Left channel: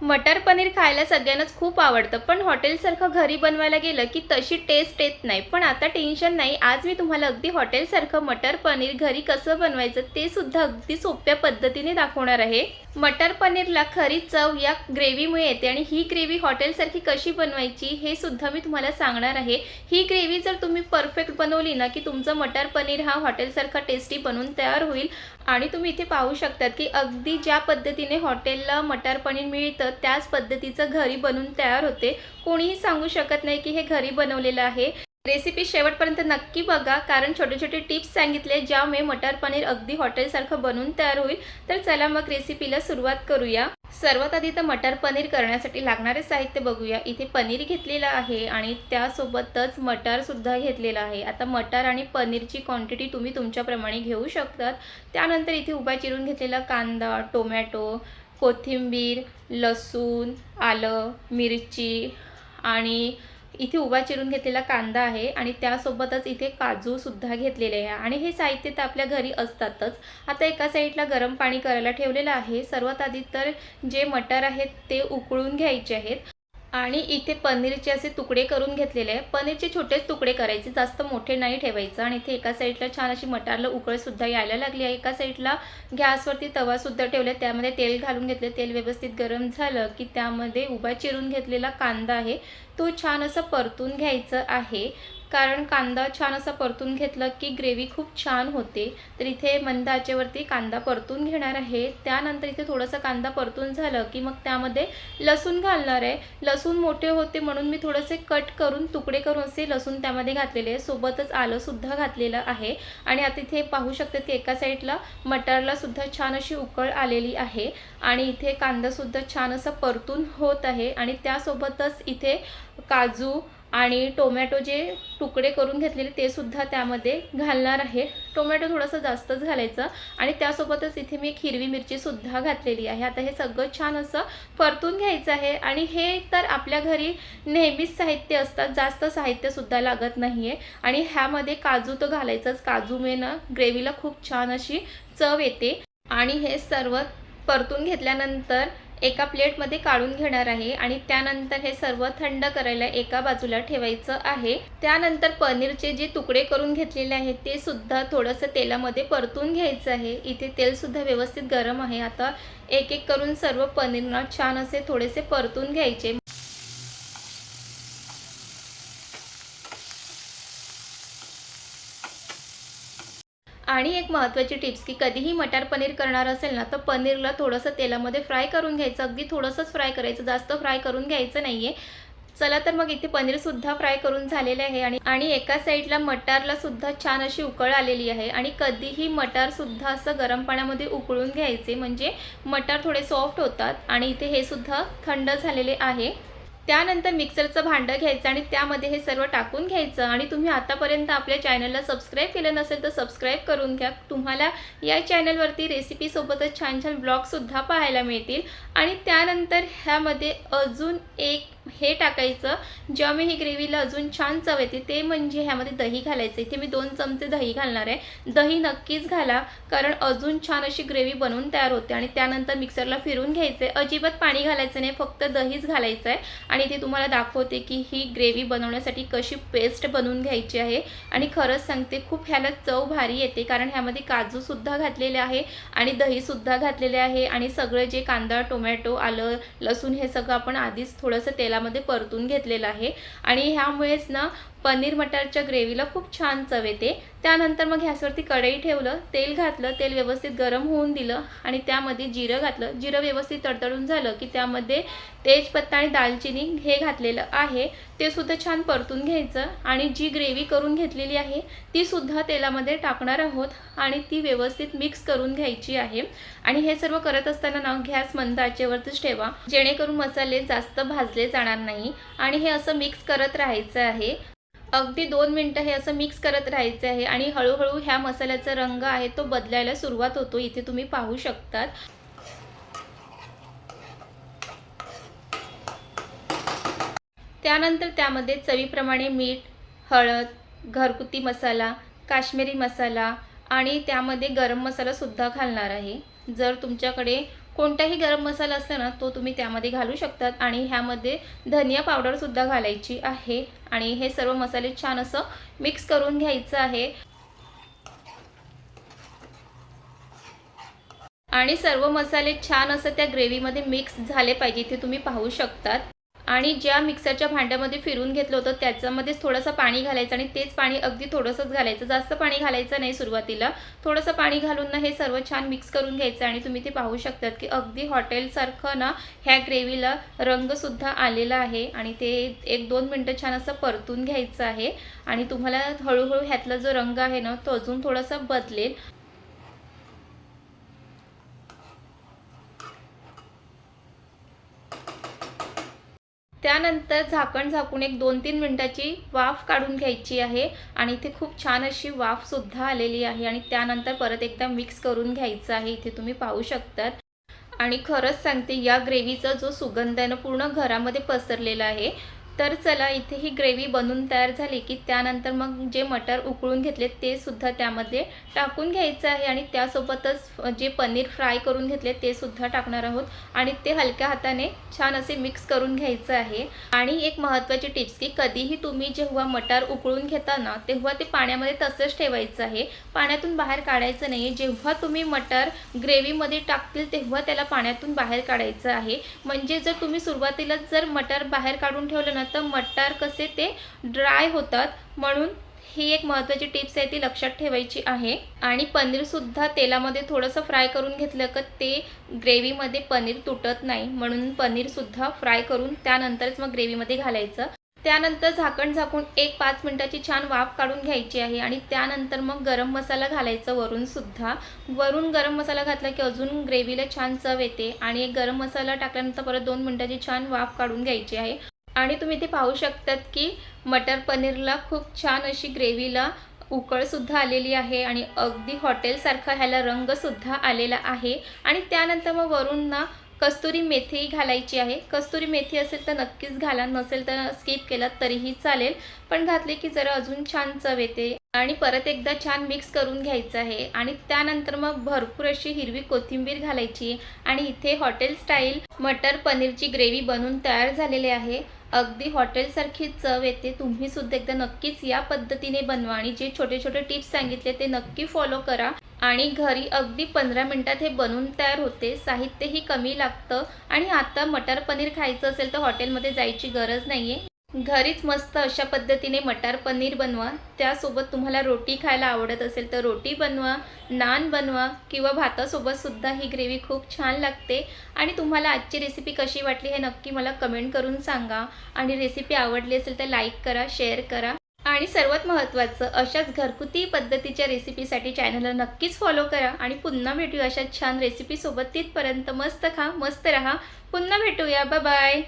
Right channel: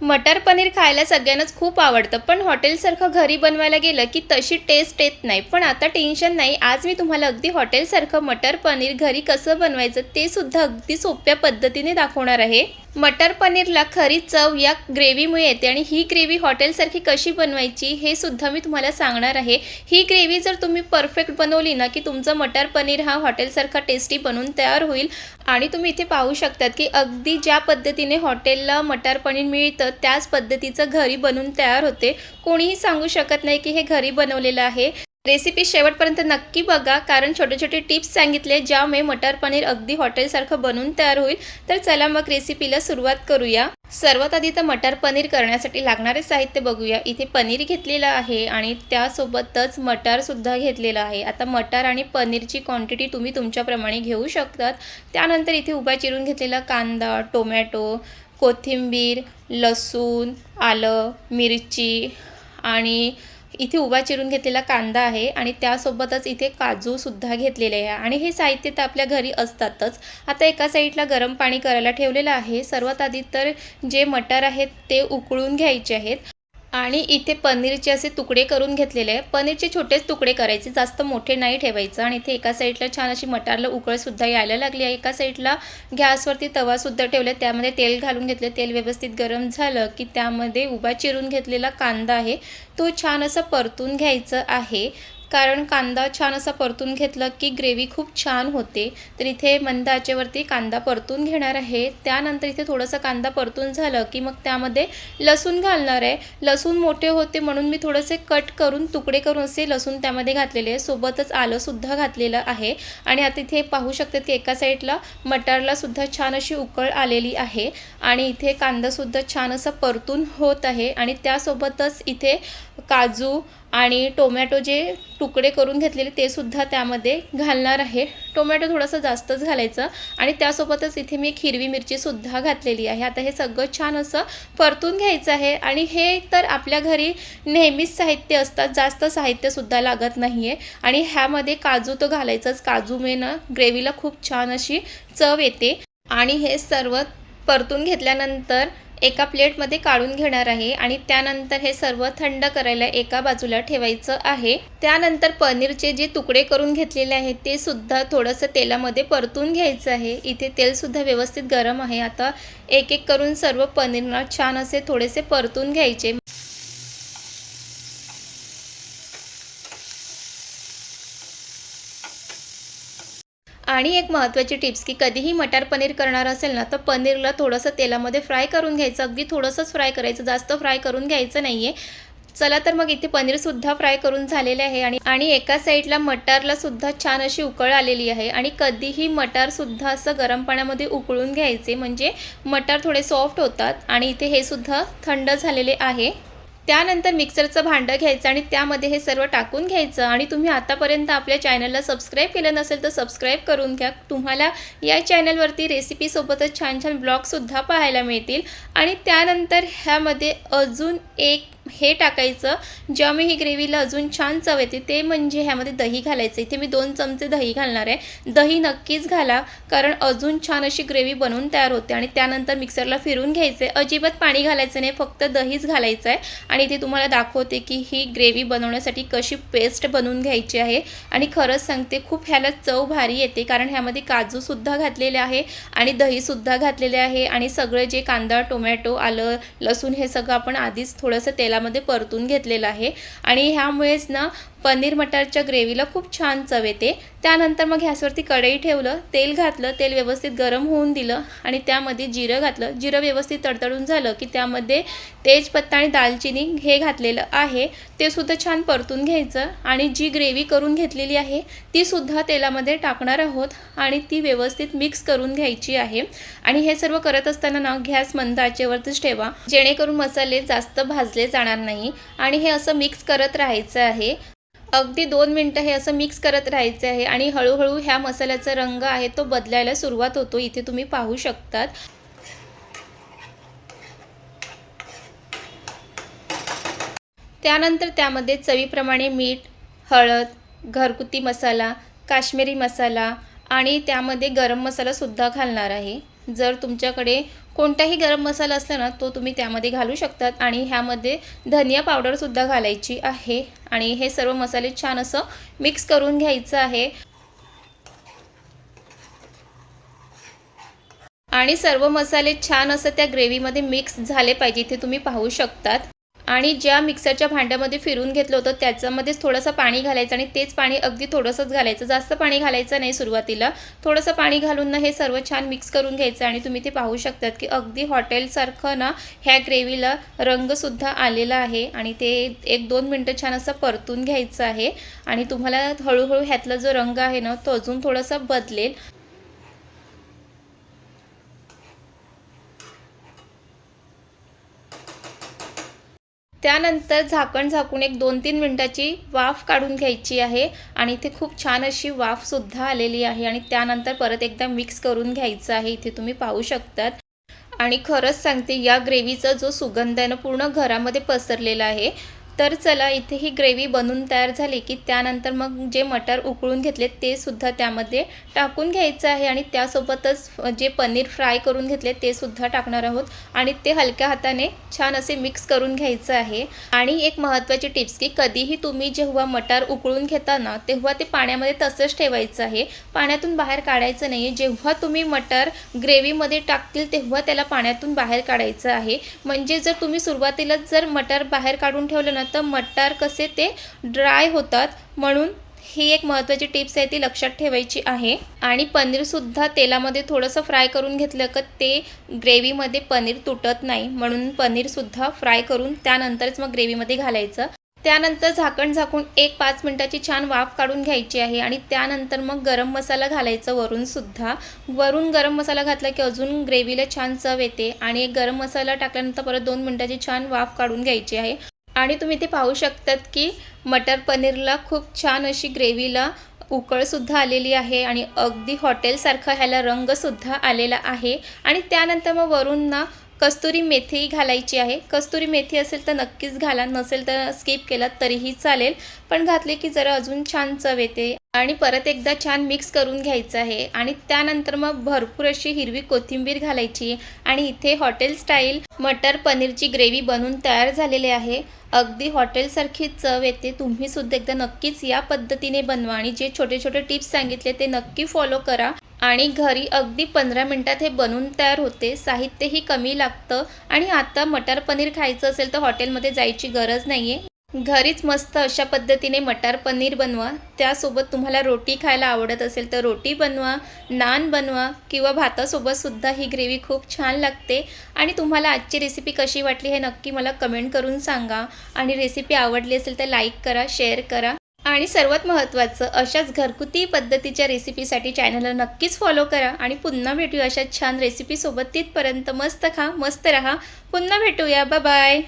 मटर पनीर खायला सगळ्यांनाच खूप आवडतं, पण हॉटेलसारखं घरी बनवायला गेलं की तशी टेस्ट येत नाही. पण आता टेन्शन नाही. आज मी तुम्हाला अगदी हॉटेलसारखं मटर पनीर घरी कसं बनवायचं ते सुद्धा अगदी सोप्या पद्धतीने दाखवणार आहे. मटर पनीरला खरी चव या ग्रेव्हीमुळे येते आणि ही ग्रेव्ही हॉटेलसारखी कशी बनवायची हे सुद्धा मी तुम्हाला सांगणार आहे. ही ग्रेव्ही जर तुम्ही परफेक्ट बनवली ना, की तुमचं मटर पनीर हा हॉटेलसारखा टेस्टी बनून तयार होईल. आणि तुम्ही इथे पाहू शकतात, की अगदी ज्या पद्धतीने हॉटेलला मटर पनीर मिळतं त्याच पद्धतीचं घरी बनून तयार होते. कोणीही सांगू शकत नाही, की हे घरी बनवलेलं आहे. रेसिपी शेवटपर्यंत नक्की बघा, कारण छोटे-छोटे टिप्स सांगितले ज्यामुळे मटर पनीर अगदी हॉटेलसारखं बनून तयार होईल. तर चला मग रेसिपीला सुरुवात करूया. सर्वात आधी तर मटर पनीर करण्यासाठी लागणारे साहित्य बघूया. इथे पनीर घेतलेलं आहे आणि त्यासोबतच मटारसुद्धा घेतलेलं आहे. आता मटार आणि पनीरची क्वांटिटी तुम्ही तुमच्याप्रमाणे घेऊ शकतात. त्यानंतर इथे उभा चिरून घेतलेला कांदा, टोमॅटो, कोथिंबीर, लसूण, आलं, मिरची आणि इथे उभा चिरून घेतलेला कांदा आहे आणि त्यासोबतच इथे काजूसुद्धा घेतलेले आहे आणि हे साहित्य तर आपल्या घरी असतातच. आता एका साईडला गरम पाणी करायला ठेवलेलं आहे. सर्वात आधी तर जे मटार आहेत ते उकळून घ्यायचे आहेत. आणि इथे पनीरचे असे तुकडे करून घेतलेले आहे. पनीरचे छोटेच तुकडे करायचे, जास्त मोठे नाही ठेवायचं. आणि इथे एका साईडला छान अशी मटारला उकळसुद्धा यायला लागली आहे. एका साईडला गॅसवरती तवासुद्धा ठेवला, त्यामध्ये तेल घालून घेतले. तेल व्यवस्थित गरम झालं की त्यामध्ये उभा चिरून घेतलेला कांदा आहे तो छान असं परतून घ्यायचं आहे. कारण कांदा छान असा परतून घेतला की ग्रेव्ही खूप छान होते. तर इथे मंद आचेवरती कांदा परतून घेणार आहे. त्यानंतर इथे थोडंसं कांदा परतून झालं की मग त्यामध्ये लसूण घालणार आहे. लसूण मोठे होते म्हणून मी थोडेसे कट करून तुकडे करून असे लसूण त्यामध्ये घातलेले आहे. सोबतच आलंसुद्धा घातलेलं आहे. आणि आता इथे पाहू शकता की एका साईडला मटारला सुद्धा छान अशी उकळ आलेली आहे आणि इथे कांदासुद्धा छान असं परतून होत आहे. आणि त्यासोबतच इथे काजू आणि टोमॅटो जे तुकडे करून घेतलेले ते सुद्धा त्यामध्ये घालणार आहे. टोमॅटो थोडंसं जास्तच घालायचं आणि त्यासोबतच इथे मी एक हिरवी मिरचीसुद्धा घातलेली आहे. आता हे सगळं छान असं परतून घ्यायचं आहे आणि हे तर आपल्या घरी नेहमीच साहित्य असतात, जास्त साहित्यसुद्धा लागत नाही आहे. आणि ह्यामध्ये काजू तर घालायचंच. काजूमुळे ना ग्रेव्हीला खूप छान अशी चव येते. आणि हे सर्व परतून घेतल्यानंतर एका प्लेटमध्ये काढून घेणार आहे आणि त्यानंतर हे सर्व थंड करायला एका बाजूला ठेवायचं आहे. त्यानंतर पनीरचे जे तुकडे करून घेतलेले आहेत ते सुद्धा थोडंसं तेलामध्ये परतून घ्यायचं आहे. इथे तेलसुद्धा व्यवस्थित गरम आहे. आता एक एक करून सर्व पनीरना छान असे थोडेसे परतून घ्यायचे. आणि एक महत्त्वाची टिप्स की कधीही मटार पनीर करणार असेल ना, तर पनीरला थोडंसं तेलामध्ये फ्राय करून घ्यायचं. अगदी थोडंसंच फ्राय करायचं, जास्त फ्राय करून घ्यायचं नाही आहे. चला तर मग इथे पनीरसुद्धा फ्राय करून झालेले आहे आणि आणि एका साईडला मटारलासुद्धा छान अशी उकळ आलेली आहे. आणि कधीही मटारसुद्धा असं गरम पाण्यामध्ये उकळून घ्यायचे, म्हणजे मटार थोडे सॉफ्ट होतात. आणि इथे हे सुद्धा थंड झालेले आहे. त्यानंतर मिक्सरचं भांडं घ्यायचं आणि त्यामध्ये हे सर्व टाकून घ्यायचं. आणि तुम्ही आतापर्यंत आपल्या चॅनलला सबस्क्राईब केलं नसेल तर सबस्क्राईब करून घ्या. तुम्हाला या चॅनलवरती रेसिपीसोबतच छान छान ब्लॉगसुद्धा पाहायला मिळतील. आणि त्यानंतर ह्यामध्ये अजून एक हे टाकायचं ज्यामुळे ही ग्रेव्हीला अजून छान चव येते, ते म्हणजे ह्यामध्ये दही घालायचं. इथे मी 2 चमचे दही घालणार आहे. दही नक्कीच घाला, कारण अजून छान अशी ग्रेव्ही बनवून तयार होते. आणि त्यानंतर मिक्सरला फिरून घ्यायचं आहे. अजिबात पाणी घालायचं नाही, फक्त दहीच घालायचं आहे. आणि इथे तुम्हाला दाखवते की ही ग्रेव्ही बनवण्यासाठी कशी पेस्ट बनवून घ्यायची आहे. आणि खरंच सांगते खूप ह्याला चव भारी येते, कारण ह्यामध्ये काजूसुद्धा घातलेले आहे आणि दहीसुद्धा घातलेले आहे. आणि सगळं जे कांदा, टोमॅटो, आलं, लसूण हे सगळं आपण आधीच थोडंसं तेलामध्ये परतून घेतलेलं आहे. आणि ह्यामुळेच ना पनीर मटारच्या ग्रेव्हीला खूप छान चव येते. त्यानंतर मग गॅसवरती कढई ठेवलं, तेल घातलं, तेल व्यवस्थित गरम होऊन दिलं आणि त्यामध्ये जिरं घातलं. जिरं व्यवस्थित तडतडून झालं की त्यामध्ये तेजपत्ता आणि दालचिनी हे घातलेलं आहे, ते सुद्धा छान परतून घ्यायचं. आणि जी ग्रेव्ही करून घेतलेली आहे ती सुद्धा तेलामध्ये टाकणार आहोत आणि ती व्यवस्थित मिक्स करून घ्यायची आहे. आणि हे सर्व करत असताना ना गॅस मंद आचेवरतीच ठेवा, जेणेकरून मसाले जास्त भाजले जाणार नाही. आणि हे असं मिक्स करत राहायचं आहे. अगदी 2 मिनिटं हे असं मिक्स करत राहायचं आहे. आणि हळूहळू ह्या मसाल्याचा रंग आहे तो बदलायला सुरुवात होतो, इथे तुम्ही पाहू शकतात. त्यानंतर त्यामध्ये चवीप्रमाणे मीठ, हळद, घरगुती मसाला, काश्मीरी मसाला आणि त्यामध्ये गरम मसालासुद्धा घालणार आहे. जर तुमच्याकडे कोणताही गरम मसाला असला ना तो तुम्ही त्यामध्ये घालू शकतात आणि ह्यामध्ये धनिया पावडरसुद्धा घालायची आहे आणि हे सर्व मसाले छान असं मिक्स करून घ्यायचं आहे आणि सर्व मसाले छान असं त्या ग्रेव्हीमध्ये मिक्स झाले पाहिजे, इथे तुम्ही पाहू शकतात। आणि ज्या मिक्सरच्या भांड्यामध्ये फिरून घेतलं होतं त्याच्यामध्येच थोडंसं पाणी घालायचं आणि तेच पाणी अगदी थोडंसंच घालायचं, जास्त पाणी घालायचं नाही सुरुवातीला। थोडंसं पाणी घालून ना हे सर्व छान मिक्स करून घ्यायचं आणि तुम्ही ते पाहू शकतात की अगदी हॉटेलसारखं ना ह्या ग्रेव्हीला रंगसुद्धा आलेला आहे आणि ते 1-2 मिनटं छान असं परतून घ्यायचं आहे आणि तुम्हाला हळूहळू ह्यातला जो रंग आहे ना तो अजून थोडासा बदलेल। त्यानंतर झाकण झाकून एक 2-3 मिनिटाची वाफ काढून घ्यायची आहे आणि इथे खूप छान अशी वाफसुद्धा आलेली आहे आणि त्यानंतर परत एकदा मिक्स करून घ्यायचं आहे, इथे तुम्ही पाहू शकतात। आणि खरंच सांगते या ग्रेव्हीचा जो सुगंध आहे ना पूर्ण घरामध्ये पसरलेला आहे। तर चला इथे ही ग्रेव्ही बनून तयार झाली की त्यानंतर मग जे मटार उकळून घेतले ते सुद्धा त्यामध्ये टाकून घ्यायचं आहे आणि त्यासोबतच जे पनीर फ्राय करून घेतले ते सुद्धा टाकणार आहोत आणि ते हलक्या हाताने छान असे मिक्स करून घ्यायचं आहे। आणि एक महत्त्वाची टिप्स की कधीही तुम्ही जेव्हा मटार उकळून घेता ना तेव्हा ते पाण्यामध्ये तसंच ठेवायचं आहे, पाण्यातून बाहेर काढायचं नाही आहे। जेव्हा तुम्ही मटार ग्रेव्हीमध्ये टाकतील तेव्हा त्याला पाण्यातून बाहेर काढायचं आहे, म्हणजे जर तुम्ही सुरुवातीलाच जर मटार बाहेर काढून ठेवलं ना तर मटार कसे ते ड्राय होतात, म्हणून ही एक महत्त्वाची टिप्स आहे ती लक्षात ठेवायची आहे। आणि पनीरसुद्धा तेलामध्ये थोडंसं फ्राय करून घेतलं की ते ग्रेव्हीमध्ये पनीर तुटत नाही, म्हणून पनीरसुद्धा फ्राय करून त्यानंतरच मग ग्रेव्हीमध्ये घालायचं। त्यानंतर झाकण झाकून एक 5 मिनिटाची छान वाफ काढून घ्यायची आहे आणि त्यानंतर मग गरम मसाला घालायचा वरूनसुद्धा। वरून गरम मसाला घातला की अजून ग्रेव्हीला छान चव येते आणि एक गरम मसाला टाकल्यानंतर परत 2 मिनिटाची छान वाफ काढून घ्यायची आहे। आणि तुम्ही ते पाहू शकतात की मटर पनीरला खूप छान अशी ग्रेव्हीला उकळसुद्धा आलेली आहे आणि अगदी हॉटेलसारखा ह्याला रंगसुद्धा आलेला आहे। आणि त्यानंतर मग वरून ना कस्तुरी मेथी घालायची आहे, कस्तुरी मेथी असेल तर नक्कीच घाला, नसेल तर स्किप केलात तरीही चालेल, पण घातले की जरा अजून छान चव येते। आणि परत एकदा छान मिक्स करून घ्यायचं आहे आणि त्यानंतर मग भरपूर अशी हिरवी कोथिंबीर घालायची आणि इथे हॉटेल स्टाईल मटर पनीरची ग्रेव्ही बनून तयार झालेली आहे। अगदी हॉटेलसारखी चव येते, तुम्ही सुद्धा एकदा नक्कीच या पद्धतीने बनवा आणि जे छोटे छोटे टिप्स सांगितले ते नक्की फॉलो करा आणि घरी अगदी 15 मिनिटात हे बनून तयार होते, साहित्यही कमी लागतं आणि आता मटर पनीर खायचं असेल तर हॉटेलमध्ये जायची गरज नाही आहे, घरीच मस्त अशा पद्धतीने मटार पनीर बनवा। त्यासोबत तुम्हाला रोटी खायला आवडत असेल तर रोटी बनवा, नान बनवा किंवा भातासोबतसुद्धा ही ग्रेव्ही खूप छान लागते। आणि तुम्हाला आजची रेसिपी कशी वाटली हे नक्की मला कमेंट करून सांगा आणि रेसिपी आवडली असेल तर लाईक करा, शेअर करा आणि सर्वात महत्त्वाचं अशाच घरगुती पद्धतीच्या रेसिपीसाठी चॅनलला नक्कीच फॉलो करा आणि पुन्हा भेटूया अशा छान रेसिपीसोबत। तिथपर्यंत मस्त खा, मस्त रहा, पुन्हा भेटूया, बाय बाय।